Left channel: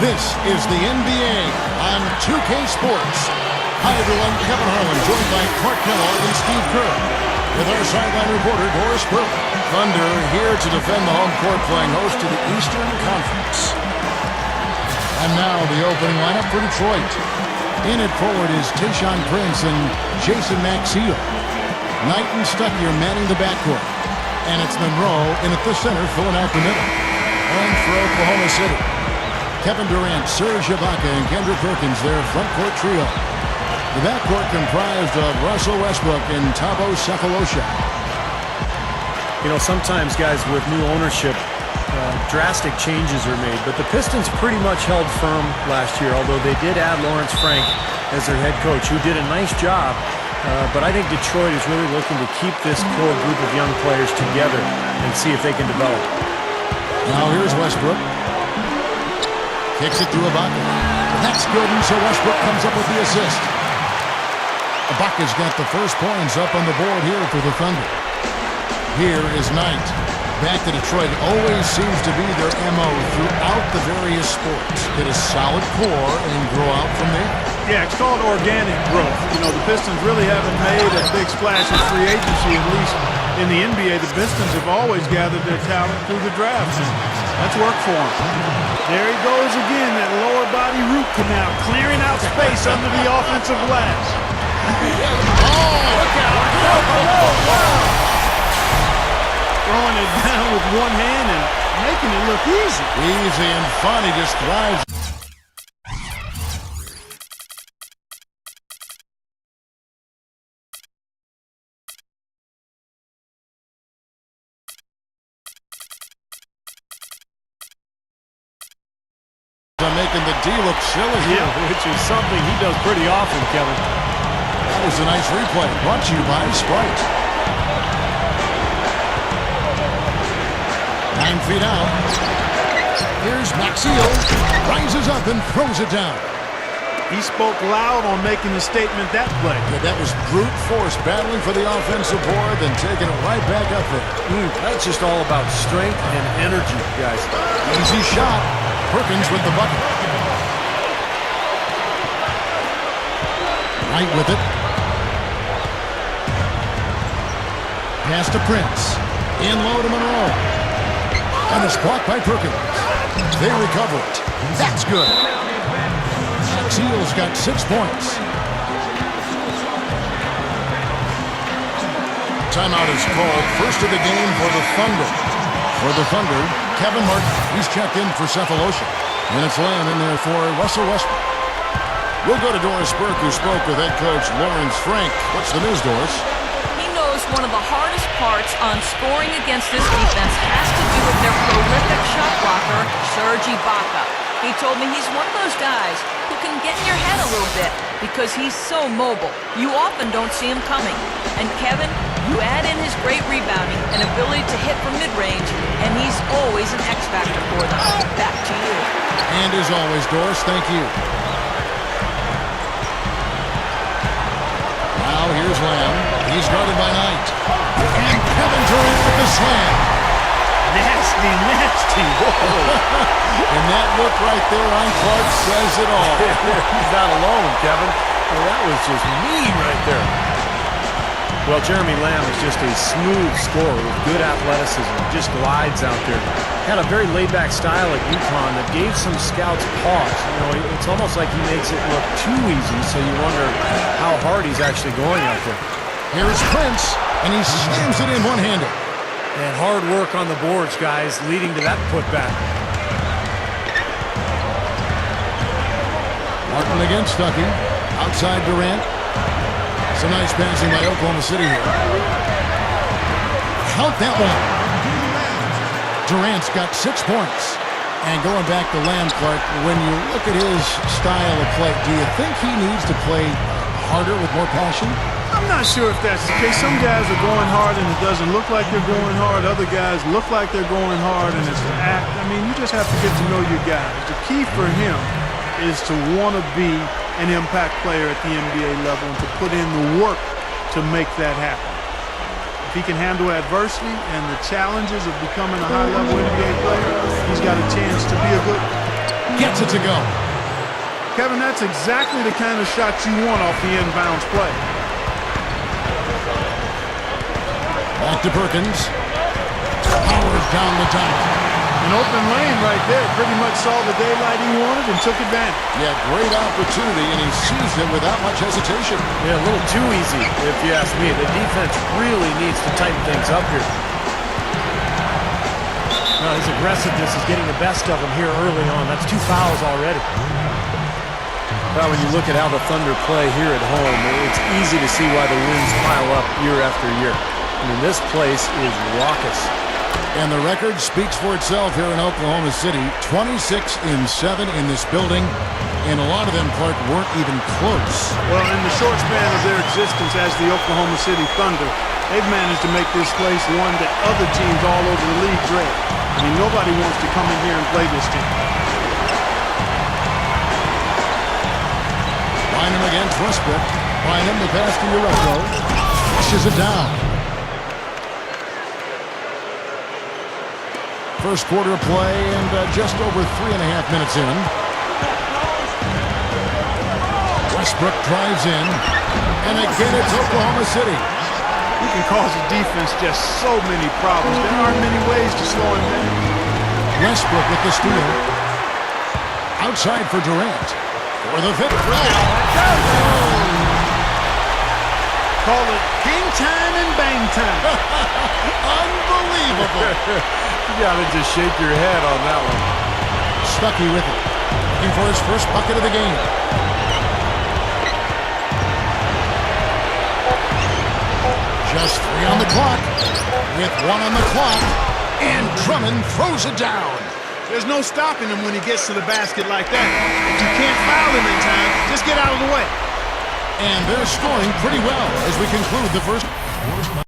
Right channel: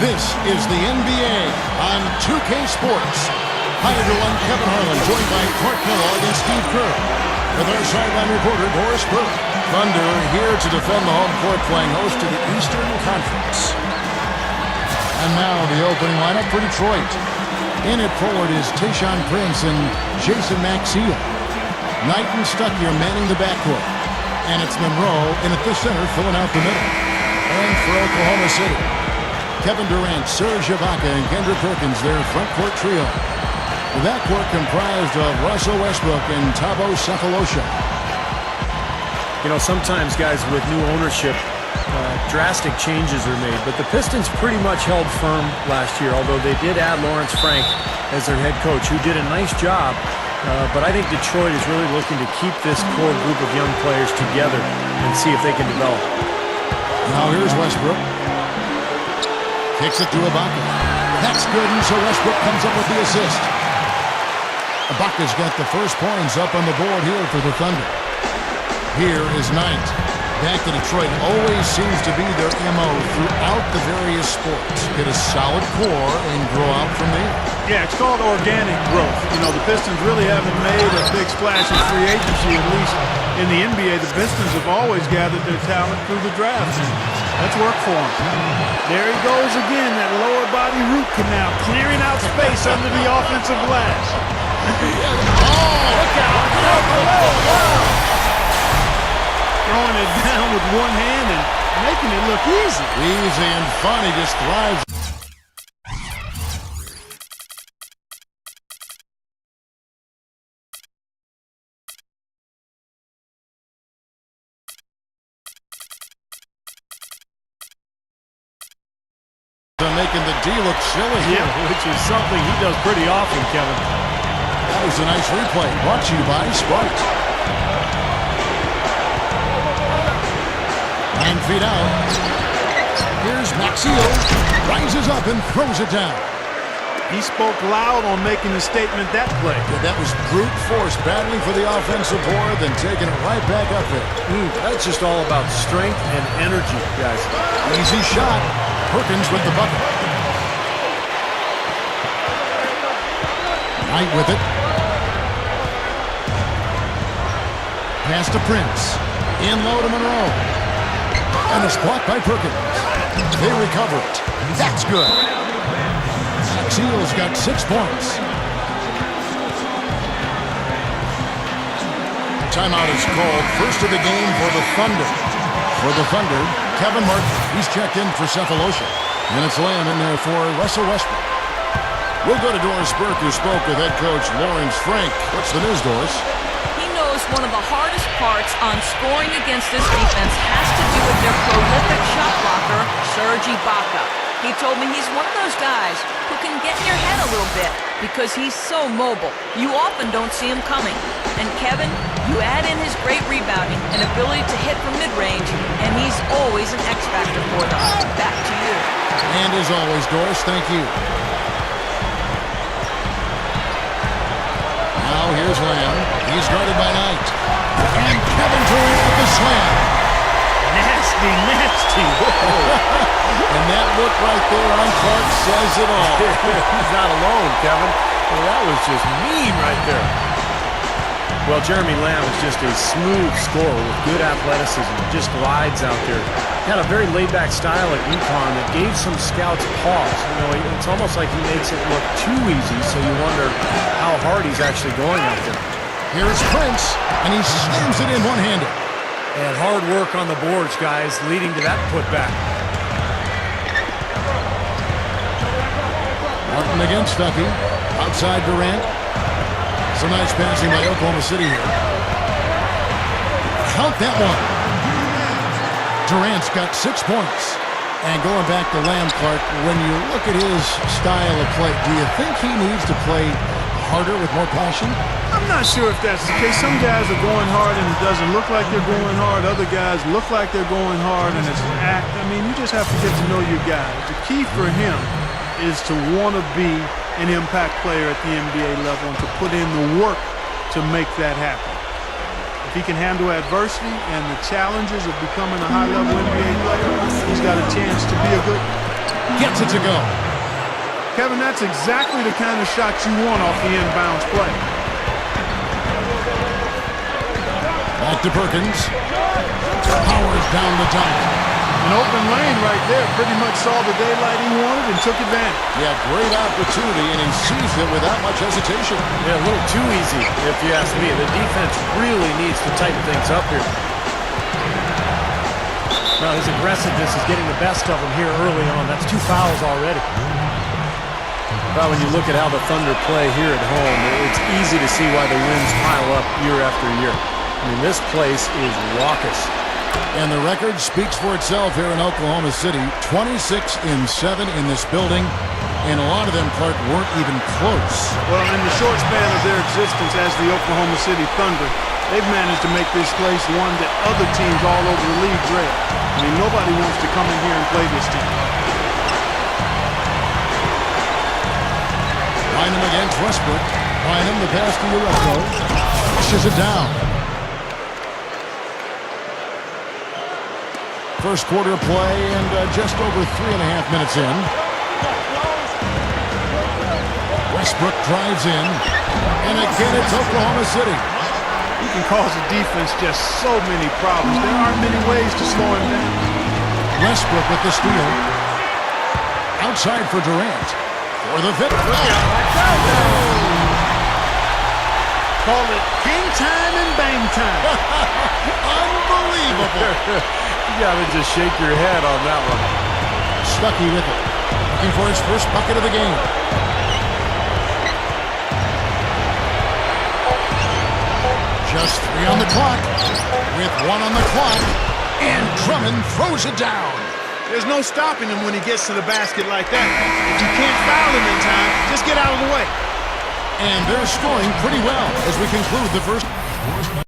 This is the NBA on 2K Sports. Hi, everyone. Kevin Harlan, joined by Clark Kellogg and Steve Kerr, with our sideline reporter, Doris Burke. Thunder here to defend the home court, playing host to the Eastern Conference. And now the opening lineup for Detroit. In at forward is Tayshaun Prince and Jason Maxiell. Knight and Stuckey are manning the backcourt. And it's Monroe in at the center, filling out the middle. And for Oklahoma City, Kevin Durant, Serge Ibaka, and Kendrick Perkins, their front court trio. The backcourt comprised of Russell Westbrook and Thabo Sefolosha. You know, sometimes, guys, with new ownership, drastic changes are made. But the Pistons pretty much held firm last year, although they did add Lawrence Frank as their head coach, who did a nice job. But I think Detroit is really looking to keep this core group of young players together and see if they can develop. Now here's Westbrook. Kicks it to Ibaka. That's good, and so Westbrook comes up with the assist. Ibaka's got the first points up on the board here for the Thunder. Here is Knight. Back to Detroit. Always seems to be their MO throughout the various sports. Get a solid core and grow out from there. Yeah, it's called organic growth. You know, the Pistons really haven't made a big splash in free agency, at least in the NBA. The Pistons have always gathered their talent through the draft, and that's worked for them. There he goes again, that lower body root canal, clearing out space under the offensive glass. Look out! Wow. Throwing it down with one hand and making it look easy. Easy and fun. He just thrives. Making the D look silly. Yeah, which is something he does pretty often, Kevin. That was a nice replay. Brought to you by Sprite. 9 feet out. Here's Maxiell. Rises up and throws it down. He spoke loud on making a statement that play. Yeah, that was brute force, battling for the offensive board, then taking it right back up there. That's just all about strength and energy, guys. Easy shot. Perkins with the bucket. Knight with it. Pass to Prince. In low to Monroe. And it's blocked by Perkins. They recover it. That's good. Maxiell's got 6 points. Timeout is called. First of the game for the Thunder. For the Thunder, Kevin Martin. He's checked in for Sefolosha. And it's Lamb in there for Russell Westbrook. We'll go to Doris Burke, who spoke with head coach Lawrence Frank. What's the news, Doris? He knows one of the hardest parts on scoring against this defense has to do with their prolific shot blocker, Serge Ibaka. He told me he's one of those guys who can get in your head a little bit because he's so mobile. You often don't see him coming. And Kevin, you add in his great rebounding and ability to hit from mid-range, and he's always an X factor for them. Back to you. And as always, Doris, thank you. Now here's Lamb. He's guarded by Knight. And Kevin Durant with the slam. Nasty, nasty. Whoa. And that look right there on Clark says it all. He's not alone, Kevin. Well, that was just mean right there. Well, Jeremy Lamb is just a smooth scorer with good athleticism. Just glides out there. Had a very laid-back style at UConn that gave some scouts pause. You know, it's almost like he makes it look too easy, so you wonder how hard he's actually going out there. Here's Prince, and he slams it in one-handed. And hard work on the boards, guys, leading to that putback. Martin against Stuckey. Outside Durant. Some nice passing by Oklahoma City here. Count that one. Durant's got 6 points. And going back to Lamb, Clark, when you look at his style of play, do you think he needs to play harder with more passion? I'm not sure if that's the case. Some guys are going hard and it doesn't look like they're going hard. Other guys look like they're going hard and it's an act. I mean, you just have to get to know your guys. The key for him is to want to be an impact player at the NBA level and to put in the work to make that happen. If he can handle adversity and the challenges of becoming a high-level NBA player, he's got a chance to be a good one. gets it to go. Kevin, that's exactly the kind of shot you want off the inbounds play. Back to Perkins. Powers down the dunk. An open lane right there. Pretty much saw the daylight he wanted and took advantage. Yeah, great opportunity, and he seized it without much hesitation. Yeah, a little too easy, if you ask me. The defense really needs to tighten things up here. Well, his aggressiveness is getting the best of him here early on. That's 2 fouls already. Well, when you look at how the Thunder play here at home, it's easy to see why the wins pile up year after year. I mean, this place is raucous. And the record speaks for itself here in Oklahoma City. 26-7 in this building, and a lot of them, Clark, weren't even close. Well, in the short span of their existence as the Oklahoma City Thunder, they've managed to make this place one that other teams all over the league dread. I mean, nobody wants to come in here and play this team. Bynum against Westbrook. Bynum, the pass to Ureko. Pushes it down. First quarter of play, and just over 3.5 minutes in. Westbrook drives in, and again it's Oklahoma City. He can cause the defense just so many problems. There aren't many ways to slow him down. Westbrook with the steal. Outside for Durant. For the fifth. Call it hang time and bang time. Unbelievable. You gotta just shake your head on that one. Stuckey with it. Looking for his first bucket of the game. Just 3 on the clock. With 1 on the clock. And Drummond throws it down. There's no stopping him when he gets to the basket like that. If you can't foul him in time, just get out of the way. And they're scoring pretty well as we conclude the first.